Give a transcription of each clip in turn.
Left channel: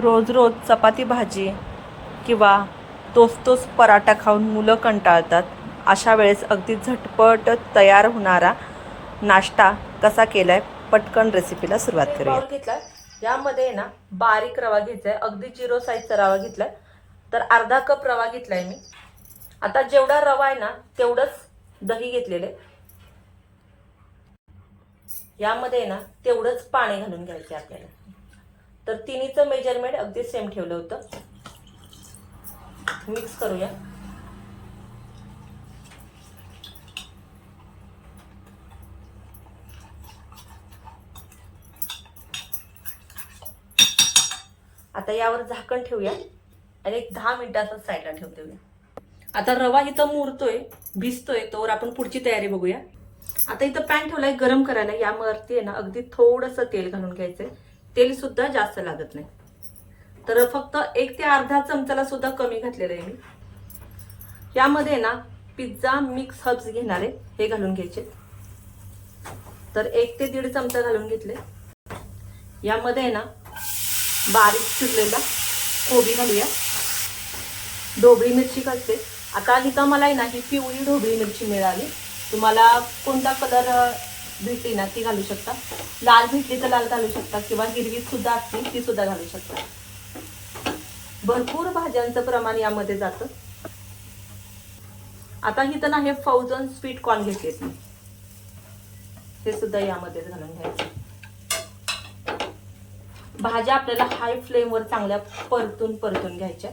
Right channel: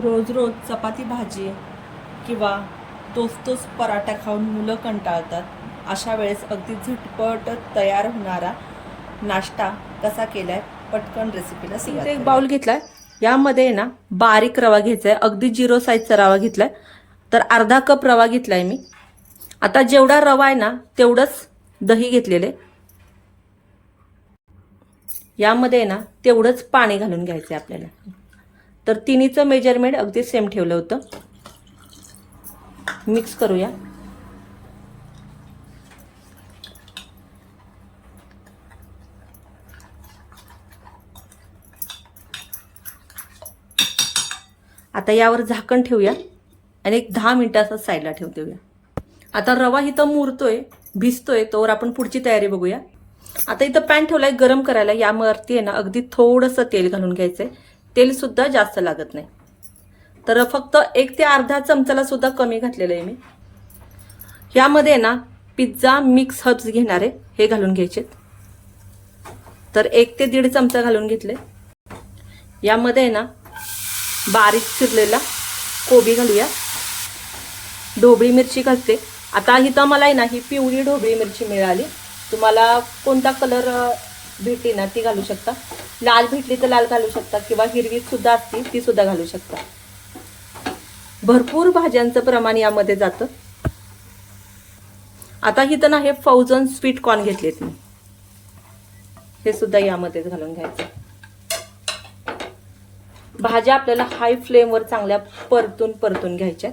रोज रोज चपाती भाजी किंवा तोच तोच पराठा खाऊन मुलं कंटाळतात. अशा वेळेस अगदी झटपट तयार होणारा नाश्ता कसा केलाय पटकन रेसिपीला सुरुवात बाउल घेतलाय. यामध्ये ना बारीक रवा घ्यायचा आहे अगदी झिरो साईजचा रवा घेतलाय. तर अर्धा कप रवा घेतलाय मी. आता जेवढा रवा आहे ना तेवढंच दही घेतलेले. यामध्ये ना तेवढंच पाणी घालून घ्यायचं आहे आपल्याला. तर तिन्हीचं मेजरमेंट अगदी सेम ठेवलं होतं. मिक्स करूया. आता यावर झाकण ठेवूया आणि एक दहा मिनिटाचा साईडला ठेव देऊया. आता रवा इथं मुरतोय भिजतोय तोवर आपण पुढची तयारी बघूया. आता इथं पॅन ठेवलाय गरम करायला यावरती आहे ना अगदी थोडंसं तेल घालून घ्यायचंय. तेल सुद्धा जास्त लागत नाही. तर फक्त एक ते अर्धा चमचाला सुद्धा कमी घातलेलं आहे मी. यामध्ये ना पिझ्झा मिक्स हर्ब्स घेणार आहे हे घालून घ्यायचे. तर एक ते दीड चमचा घालून घेतले. यामध्ये आहे ना बारीक चिरलेला कोबी घालूया. ढोबळी मिरची घालते. आता इथं मला आहे ना ही पिवळी ढोबळी मिरची मिळाली. तुम्हाला कोणता कलर भेटली ना ती घालू शकता. लाल भेटली तर लाल घालू शकता किंवा हिरवी सुद्धा असते ती सुद्धा घालू शकता. भरपूर भाज्यांचं प्रमाण यामध्ये जातं. आता इथं ना हे फौजन स्वीट कॉर्न घेतलेत मी. हे सुद्धा यामध्येच घालून घ्यायचं. भाज्या आपल्याला हाय फ्लेमवर चांगल्या परतून परतून घ्यायच्या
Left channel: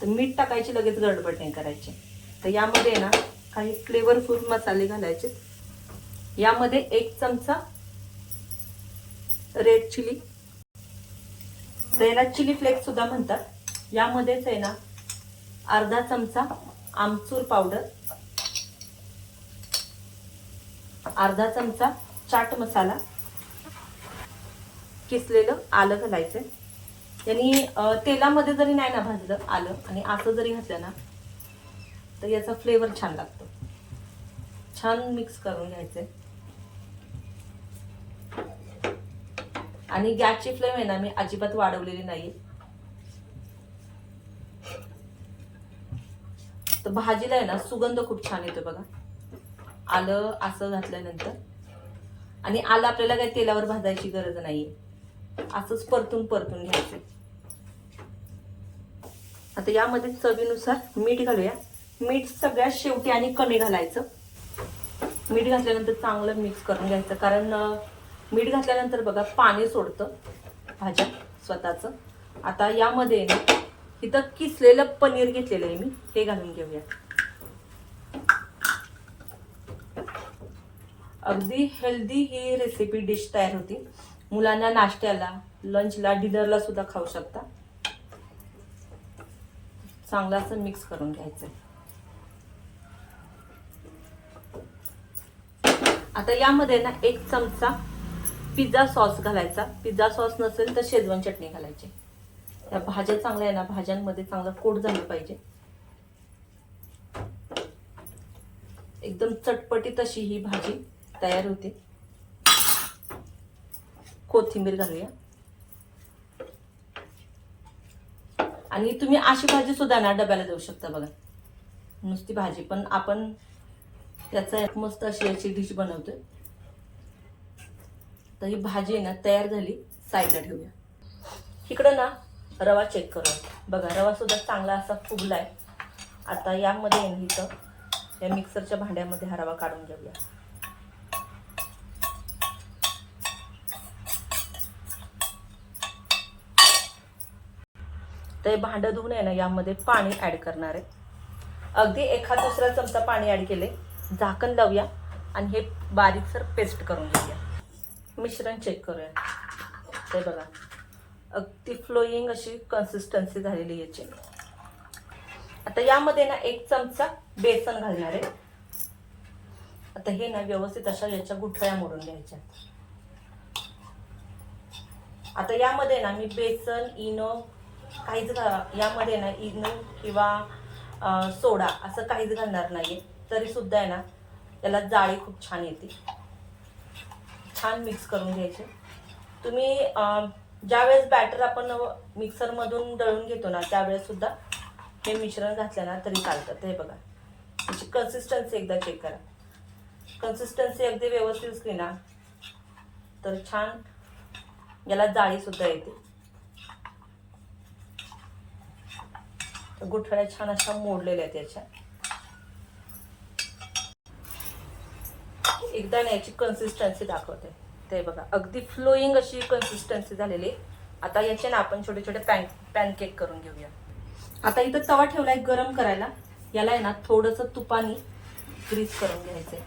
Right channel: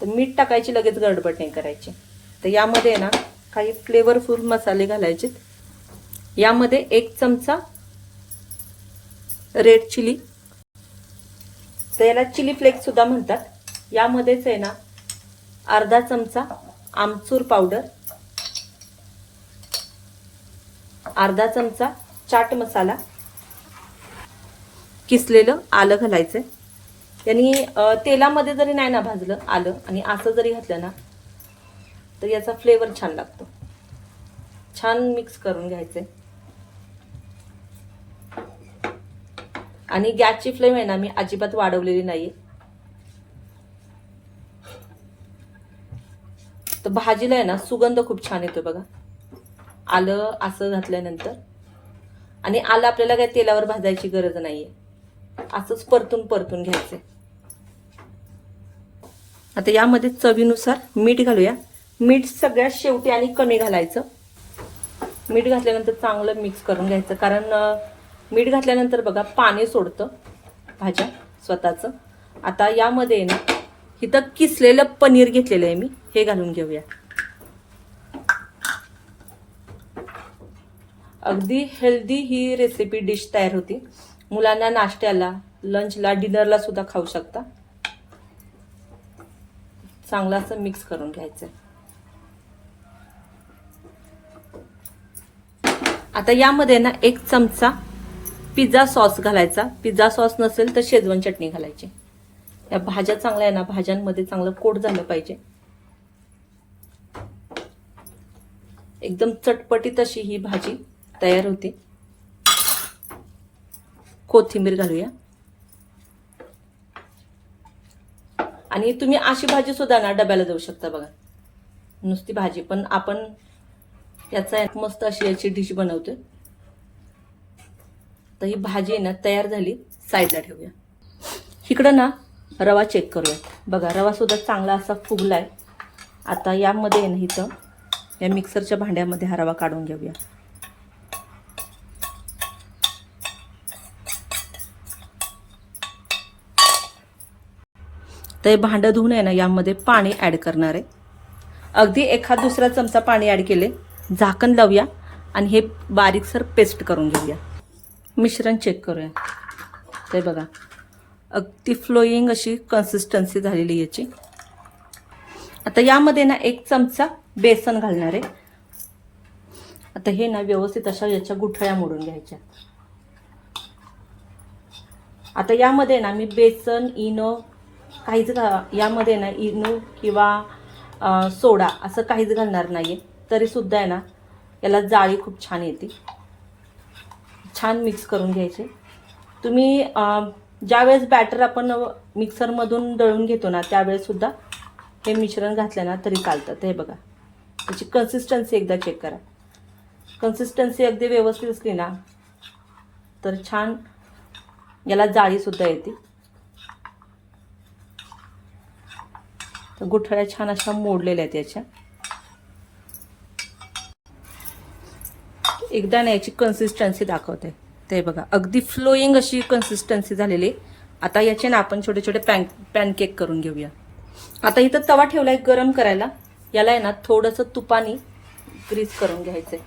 तर मीठ टाकायची लगेच गडबड नाही करायची. तर यामध्ये ना काही फ्लेवरफुल मसाले घालायचे. यामध्ये एक चमचा रेड चिली तर याला चिली फ्लेक्स सुद्धा म्हणतात. यामध्येच आहे ना अर्धा चमचा आमचूर पावडर अर्धा चमचा चाट मसाला. किसलेलं आलं घालायचं यांनी तेलामध्ये जरी नाही ना भाजलं आलं आणि असं जरी घातलं ना तर याचा फ्लेवर छान लागतो. छान मिक्स करून घ्यायचे आणि गॅसची फ्लेम आहे ना मी अजिबात वाढवलेली नाहीये. तर भाजीला आहे ना सुगंध खूप छान येतो बघा. आलं असं घातल्यानंतर. आणि आलं आपल्याला काय तेलावर भाजायची गरज नाहीये. असंच परतून परतून घ्यायचं आता यामध्ये चवीनुसार मीठ घालूया. मीठ सगळ्यात शेवटी आणि कमी घालायचं. मीठ घातल्यानंतर चांगलं मिक्स करून घ्यायचं. कारण मीठ घातल्यानंतर बघा पाणी सोडतं भाज्या स्वतःचं. आता यामध्ये ना इथं किसलेलं पनीर घेतलेलं आहे मी. हे घालून घेऊया. अगदी हेल्दी ही रेसिपी डिश तयार होती. मुलांना नाश्त्याला लंचला डिनरला सुद्धा खाऊ शकता. चांगलं असं मिक्स करून घ्यायचं. आता यामध्ये ना एक चमचा पिझ्झा सॉस घालायचा. पिझ्झा सॉस नसेल तर शेजवान चटणी घालायची. या भाज्या चांगल्या आहे ना भाज्यांमध्ये चांगलं कोट झालं पाहिजे. एकदम चटपटीत अशी ही भाजी तयार होते. कोथिंबीर घालूया. आणि तुम्ही अशी भाजी सुद्धा ना डब्याला देऊ शकता बघा. नुसती भाजी पण आपण याचा एक मस्त अशी याची डिश बनवते. तर ही भाजी ना तयार झाली. साईडला ठेवूया. इकडं ना रवा चेक करूया. बघा रवा सुद्धा चांगला असा फुगलाय. आता यामध्ये ना इथं या मिक्सरच्या भांड्यामध्ये हा रवा काढून घेऊया. तर हे भांडं धुवून आहे ना यामध्ये पाणी ॲड करणार आहे. अगदी एखाद दुसरा चमचा पाणी ॲड केले. झाकण लावूया आणि हे बारीकसर पेस्ट करून घेऊया. मिश्रण चेक करूया. ते बघा अगदी फ्लोईंग अशी कन्सिस्टन्सी झालेली याची. आता यामध्ये ना एक चमचा बेसन घालणार आहे. आता हे ना व्यवस्थित अशा याच्या गुठळ्या मोडून घ्यायच्या. आता यामध्ये ना मी बेसन इनो काहीच घा यामध्ये ना इनो किंवा सोडा असं काहीच घालणार नाही आहे तरी सुद्धा आहे ना याला जाळी खूप छान येते. छान मिक्स करून घ्यायचे. तुम्ही ज्यावेळेस बॅटर आपण मिक्सरमधून दळून घेतो ना त्यावेळेस सुद्धा हे मिश्रण घातलं ना तरी चालतं. हे बघा. त्याची कन्सिस्टन्सी एकदा चेक करा. कन्सिस्टन्सी अगदी व्यवस्थित असली ना तर छान याला जाळीसुद्धा येते. गुठळ्या छान अशा मोडलेल्या आहेत याच्या. एकदा ना याची कन्सिस्टन्सी दाखवते. ते बघा अगदी फ्लोईंग अशी कन्सिस्टन्सी झालेली. आहे. आता याचे ना आपण छोटे छोटे पॅन पॅनकेक करून घेऊया. आता इथं तवा ठेवलाय गरम करायला. याला आहे ना थोडंसं तुपाने ग्रीस करून घ्यायचंय.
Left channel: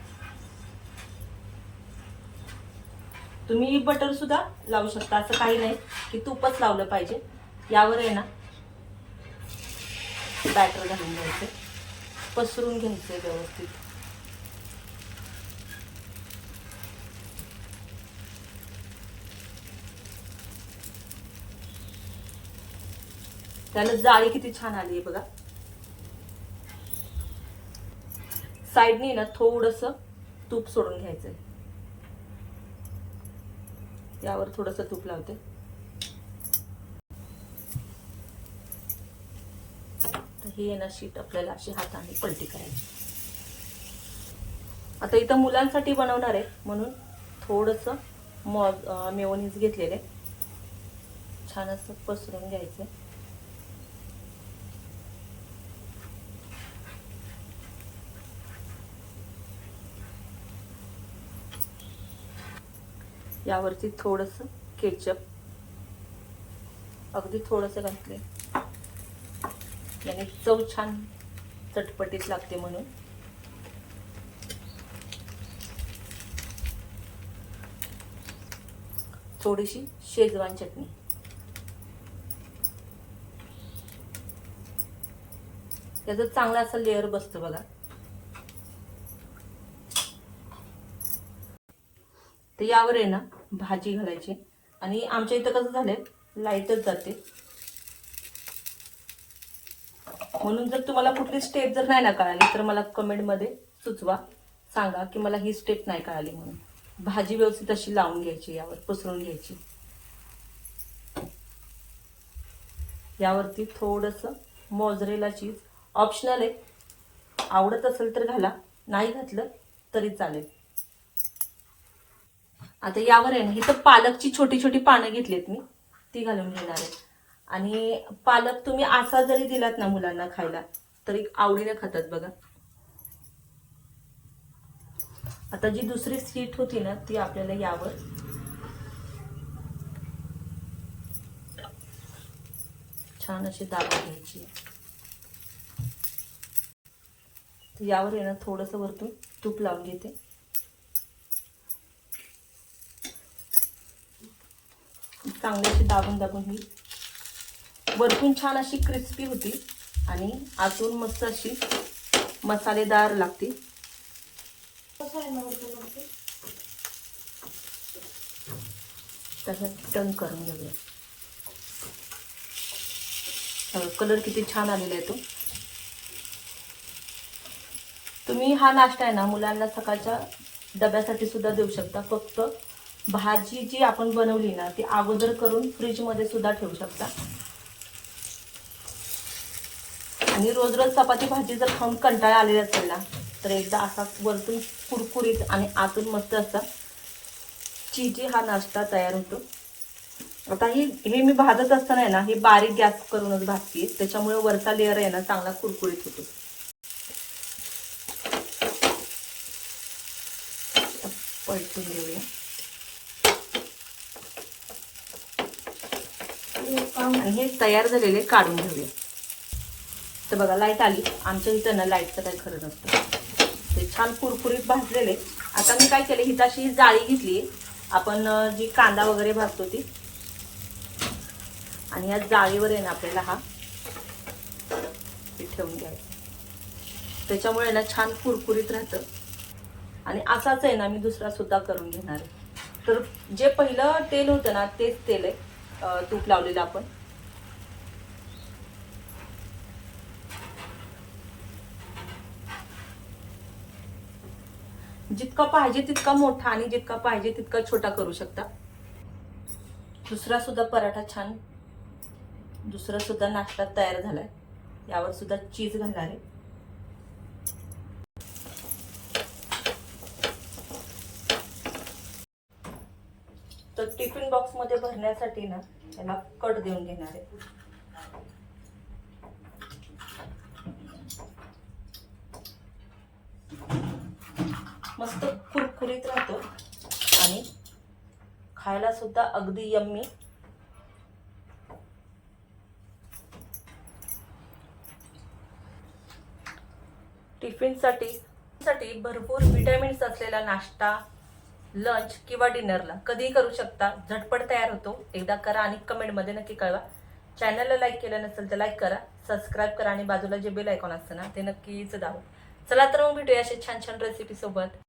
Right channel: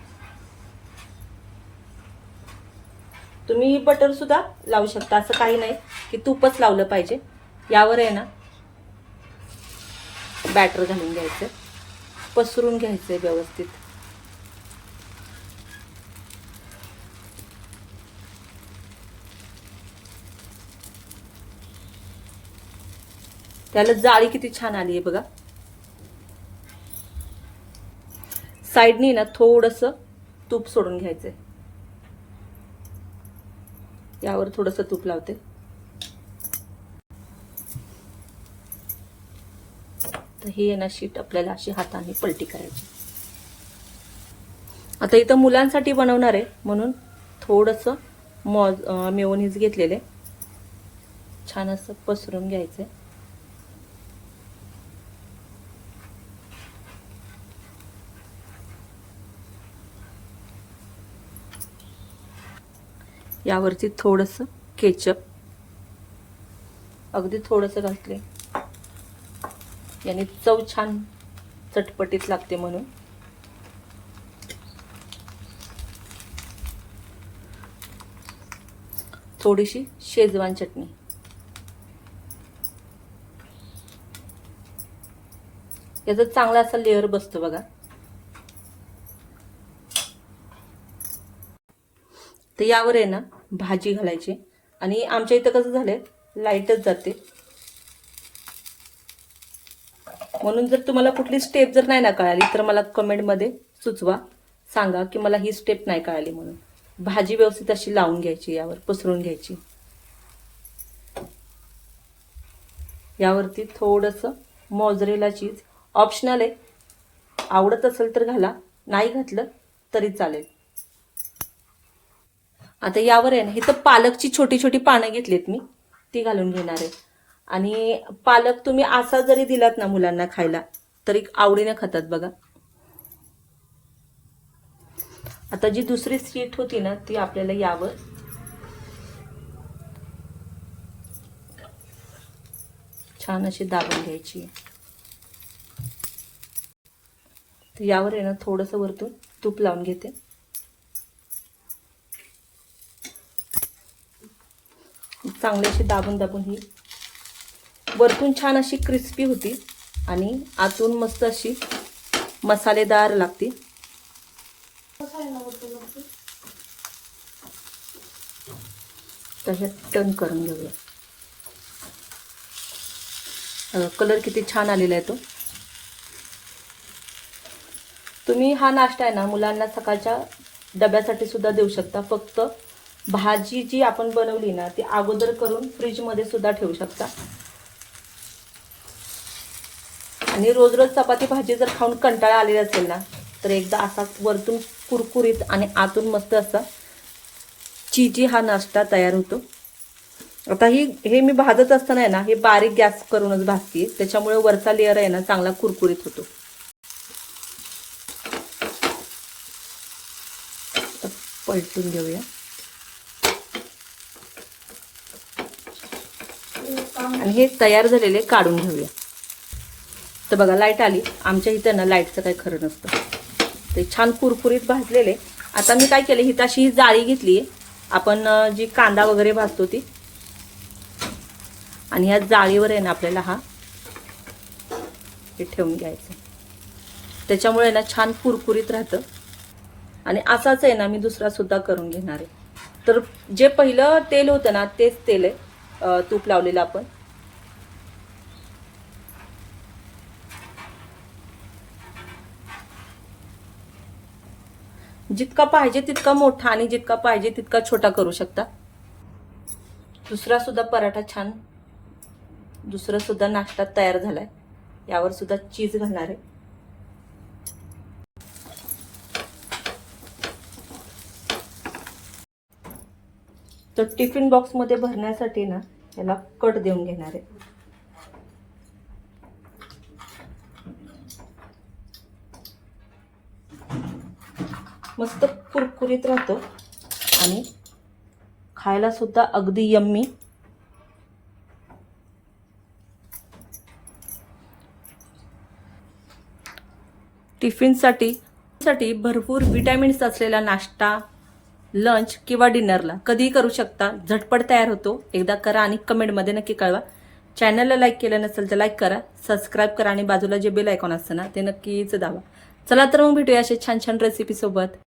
तुम्ही बटर सुद्धा लावू शकता. असं काही नाही की तूपच लावलं पाहिजे. यावर आहे ना बॅटर घालून घ्यायचं. पसरून घ्यायचंय व्यवस्थित. त्याला जाळी किती छान आली आहे बघा. साईडनी ना थोडस तूप सोडून घ्यायचंय. यावर थोडस तूप लावते. तर ही ना शीट आपल्याला अशी हाताने पलटी करायची. आता इथं मुलांसाठी बनवणार आहे म्हणून थोडस मॉज मेवनीज घेतलेले. छान असं पसरून घ्यायचंय. यावरती थोडस केचप. अगदी थोडस घातले याने चव छान चटपटीत लागते म्हणून. थोडीशी शेजवान चटणी. याचा चांगला असा लेअर बसतो बघा. तर यावर आहे ना भाजी घालायची. आणि आमच्या इथं कसं झालंय लाईटच जाते. म्हणून जर तुम्हाला कुठली स्टेप जर नाही ना कळाली तर मला कमेंटमध्ये सुचवा. सांगा की मला ही स्टेप नाही कळाली म्हणून. भाजी व्यवस्थित अशी लावून घ्यायची यावर पसरून घ्यायची. यावरती थोडंसं मोजरेला चीज ऑप्शनल आहे. आवडत असेल तर घाला नाही घातलं तरी चालेल. आता यावर आहे ना इथं पालकची छोटी छोटी पानं घेतलीत मी ती घालून घेणार आहे. आणि पालक तुम्ही असा जरी दिलात ना मुलांना खायला तरी आवडीने खातात बघा. आता जी दुसरी सीट होती ना ती आपल्याला यावर. छान अशी दाबून घ्यायची. तर यावर आहे ना थोडस वरतून तूप लावून घेते. चांगली अशी दाबून दाबून ही. वरतून छान अशी क्रिस्पी होती आणि आतून मस्त अशी मसालेदार लागते. तशात टर्न करून घेऊया. कलर किती छान आलेला आहे तो. तुम्ही हा नाश्ता आहे ना मुलांना सकाळच्या डब्यासाठी सुद्धा देऊ शकता. फक्त भाजी जी आपण बनवली ना ती अगोदर करून फ्रीजमध्ये सुद्धा ठेवू शकता. आणि रोज रोज चपाती भाजी जर खाऊन कंटाळा आलेला असेल ना तर एकदा असा वरतून कुरकुरीत आणि आतून मस्त असा चिजी हा नाश्ता तयार होतो. आता ही हे मी भाजत असताना आहे ना हे बारीक गॅस करूनच भाजते. त्याच्यामुळे वरचा लेअर आहे ना चांगला कुरकुरीत होतो. पलटून घेऊया. आणि हे तयार झालेले काढून घेऊया. तर बघा लाइट आली. आमच्या इथं ना लाईटचं काही खरं नसतं. ते छान कुरकुरीत भाजलेले. आता मी काय केले ही अशी जाळी घेतली. आपण जी कांदा वगैरे भाजतो ती. आणि ह्या जाळीवर आहे ना आपल्याला हा हे ठेवून घ्यायचं. त्याच्यामुळे ना छान कुरकुरीत राहतं. आणि असाच आहे ना मी दुसरा सुद्धा करून घेणार आहे. तर जे पहिलं तेल होतं ना तेच तेल आहे. तूप लावलेलं आपण. जितका पाहिजे तितका मोठा आणि जितका पाहिजे तितका छोटा करू शकता. दुसरा सुद्धा पराठा छान. दुसरं सुद्धा नाश्ता तयार झालाय. यावर सुद्धा चीज घालणार आहे. तर टिफिन बॉक्समध्ये भरण्यासाठी ना याला कट देऊन घेणार आहे. मस्त कुरकुरीत राहतं. आणि खायला सुद्धा अगदी यम्मी. टिफिनसाठी साठी भरपूर विटॅमिन्स असलेला नाश्ता लंच किंवा डिनरला कधीही करू शकता. झटपट तयार होतो. एकदा करा आणि कमेंटमध्ये नक्की कळवा. चॅनलला लाईक केलं नसेल तर लाईक करा. सबस्क्राईब करा आणि बाजूला जे बेल आयकॉन असतं ना ते नक्कीच दाबा. चला तर मग भेटूया असे छान छान रेसिपीसोबत